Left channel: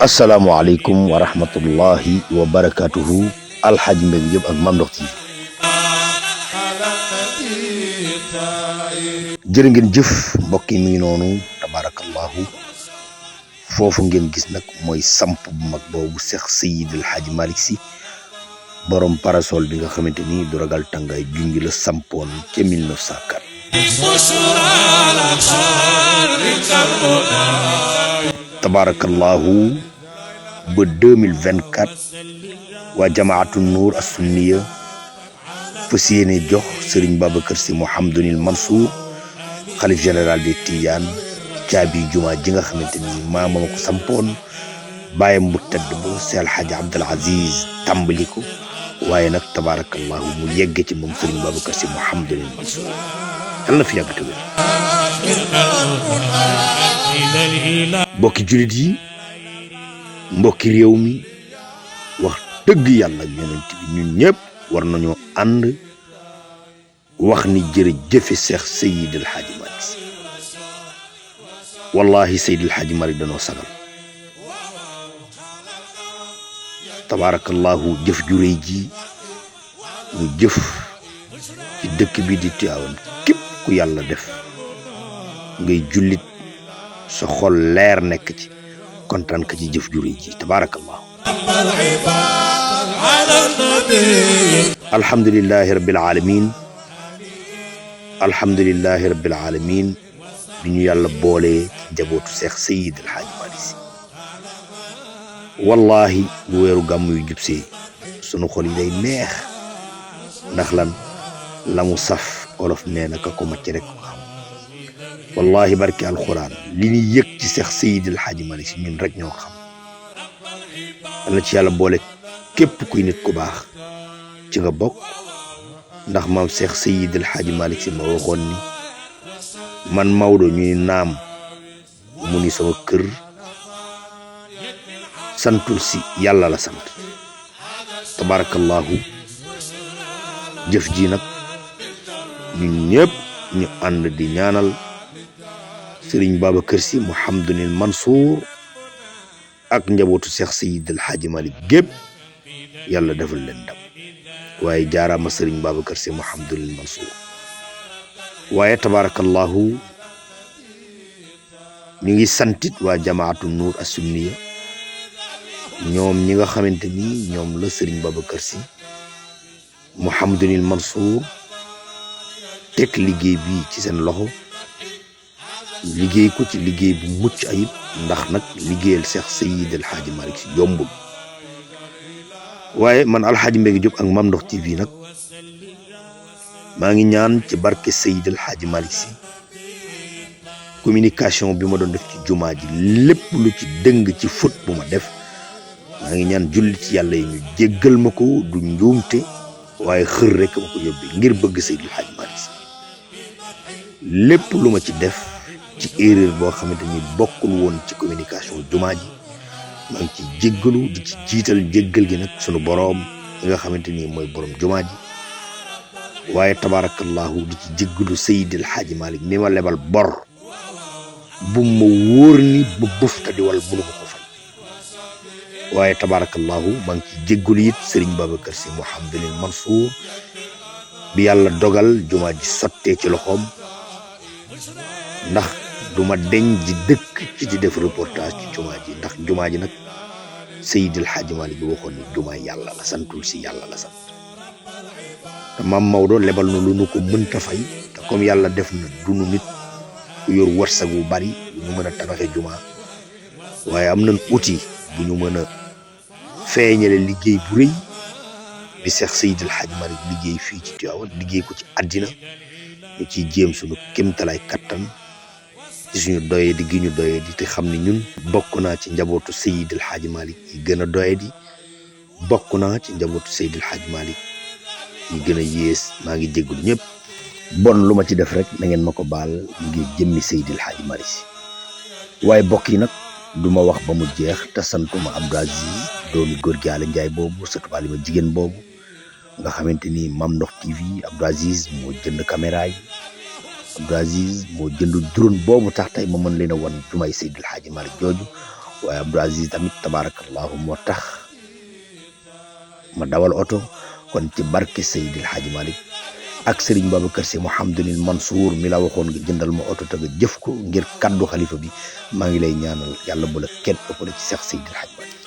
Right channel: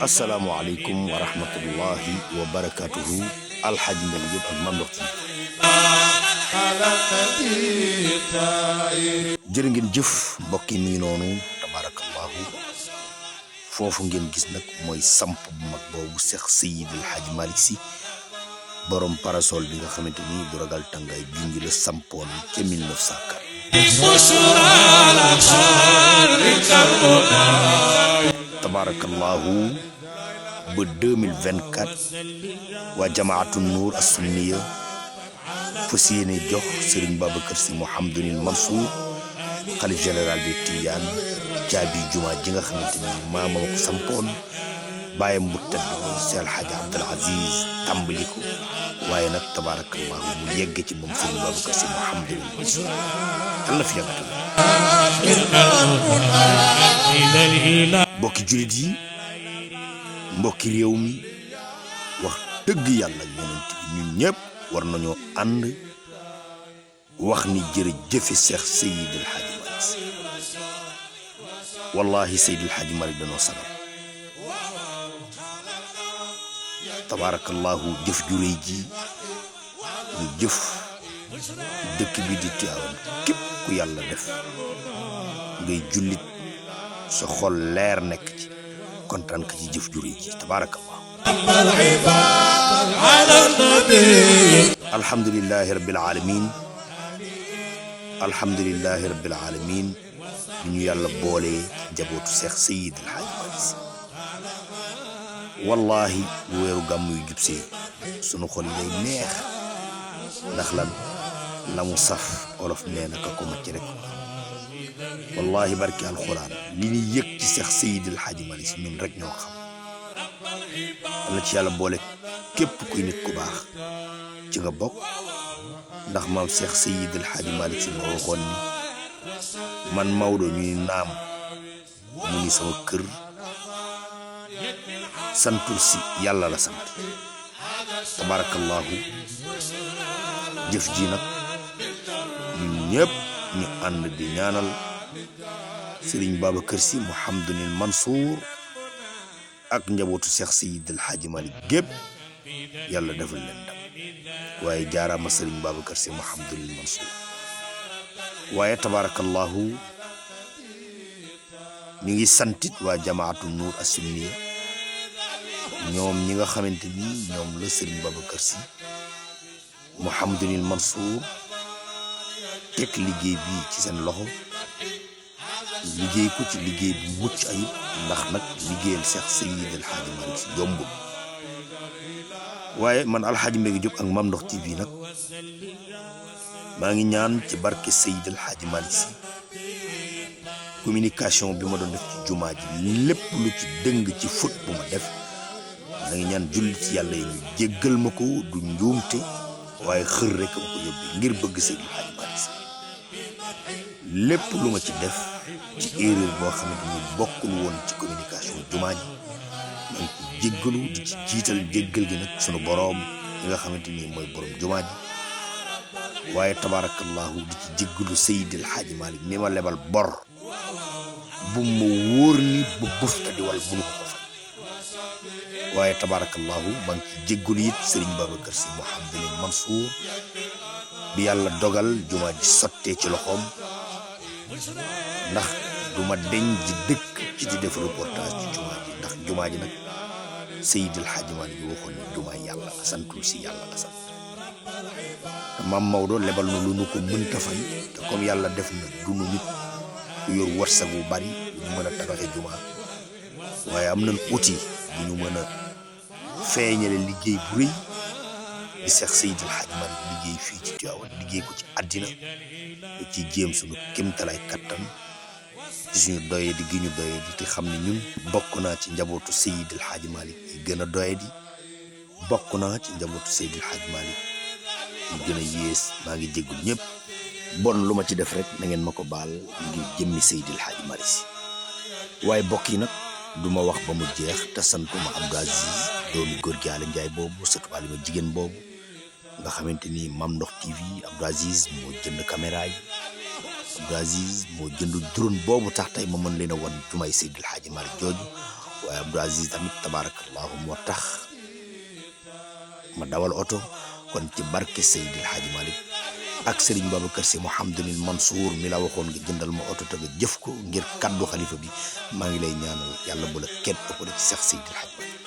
asalaamaaleykum wa rahmatullahi wa barakatuhu alxaaji Mbégi Jóob ak Mame Ndokh TV jërë ngeen jëf mbokk yi mi ngi noonu tabarakallahu foofu ngeen gis nag mooy samp bu mag boobu Seex Seydi El Hadji Malick Sy borom parasol bi nga xamante ni du ragal tàngaay jungi la sampoon ca 1904 tabarakallahu ba 2024 waa jamaatu nuur as-sunniya fas yéene jox Serigne Babacar Sy Mouhamadoul Mansour xalif général des Tidianes caabi jumaa ji nga xamante ni maamam ko sampoon bàyyam bu tedd ba Seex Alxaaji Abdul Aziz tàmbali ko waaye nag tabarakallahu mu yegg ci moom Serigne Babacar Sy Mouhamadoul Mansour yal na fi yàggatu mbokki jullit yi mbokki réew mi wax dëgg yàlla yonent bi ñun ñëpp war nañoo ànd wax ni jërëjëfe Seex Seydi El Hadji Malick Sy wallahi Seydi El Hadji Malick danoo sagal tabarakallahu jëf ju réy ji ñu jëf ci dëkk bi di Tiwaawan képp ku yàlla def ngay jullit sa xol leer nekk ci kontaan ka ci jëf ju réy ji tabarakallahu alhamdulillahi rabbil alamin alhamdulillahi rabbil alamin bi ñu yàlla boolee jabootu Seex Seydi El Hadji Malick Sy wallahi bu weeru gàmm yu jubsee sunu xol yi day neex ndax lan la mu saf olof nee na ka ko macc rek ko am wallahi barki alxuraan li ñuy yëg ci Seex Seydi El Hadji Malick Sy ñun rek ñoo xam dana ci yàlla boole képp kuy nit ku baax ci nga bokk ndax maam Seex Seydi El Hadji Malick Sy ma waxoon ni man Maodo ñuy naam mu ni sama kër santul si yàlla la sant tabarakallahu jëf ji nag ñun ñëpp ñu ànd di ñaanal Serigne Babacar Sy Mouhamadoul Mansour ak njabootu Seex Seydi El Hadji Malick gépp yàlla defal leen ndam waaye jaaraama Serigne Babacar Sy Mouhamadoul Mansour waaye tabarakallahu ñu ngi santit waa jamaatu nuur as-sunniya ñoom ñi nga xamante ni ñoom la Serigne Babacar Sy Mouhamadoul Mansour teg liggéey bi ci seen loxo liggéey ko ci liggéey bu mucc ayib ndax nag liggéeyal Seex Seydi El Hadji Malick Sy yombul waaye man alxaaji Mbégi Jóob ak Mame Ndokh TV nag maa ngi ñaan ci barke Seydi El Hadji Malick Sy communication bi ma doon def ci jumaa ji lépp lu ci dëng ci fóot bu ma def maa ngi ñaan jullit yàlla yi ñu jéggal ma ko du njuumte waaye xër rek ma ko yóbbee ngir bëgg Seydi El Hadji Malick Sy lépp lu ma ci def ci erreur boo xamante ni bokkul woon ci communication jumaa ji maa ngi ci jéggalu di ci jiital jéggal gi nag sunu boroom li nga xamante ni mooy boroom jumaa ji waaye tabarakallahu di ci jéggalu Seydi El Hadji Malick mi ma lebal bor bu ma wóor ni ba bëfta di wal bu nu ko ko fay waaye tabarakallahu maa ngi ci jéggalu it Serigne Babacar Sy Mouhamadoul Mansour bi yàlla dogal jumaa ji sottee ci loxoom ndax duma deñ di dëkk ci di def reportage ci jumaa ji ndax jumaa ji nag Seydi El Hadji Malick bi waxoon ni jumaa yàlla la santul si yàlla la sant te maam Maodo lebal na lu nu ko mënta fay te comme yàlla def na dunu nit ku yor wërsëg bu bari ñu mën a tabaxe jumaa waaye am nañ outil bu ñu mën a feeñale liggéey bu rëy bi Seex Seydi El Hadji Malick liggéey fii ci Tiwaawan liggéey ko ci àddina ñu ciy jéem suñu kéemtalaay kattan ci suñu doye di gi ñu doye di te xam ne ñun bokk naa ci njabootu Seydi El Hadji Malick yi gën a doye di bokk naa ci njabootu Seydi El Hadji Malick yi gën a yées maa ngi jéggul ñëpp bon lu ma ci def rek na ngeen ma ko baal ngir jëmmi Seydi El Hadji Malick Sy waaye bokk yi nag du ma wax ba mu jeex te santuma Abdou Aziz doomi góor gi Aly Ndiaye boobu sëtu Alima jigéen boobu nga xamante ni Mame Ndokh TV Abdou Aziz moo jënd caméra yi Abdou Aziz moo jënd drone boobu tax tey ma mën leen a wan jumaay Seydil Hadji Malick jooju waaye Abdou Aziz tamit tabarakallahu moo tax ma dawal oto kon ci barke Seydil Hadji Malick ak Serigne Babacar Sy Mouhamadoul Mansour mi la waxoon nga jëndal ma oto te nga jëf ko ngir kaddu xalifa bi maa ngi lay ñaanal yàlla bu la kenn ëppale ci Seex Seydil Hadji Malick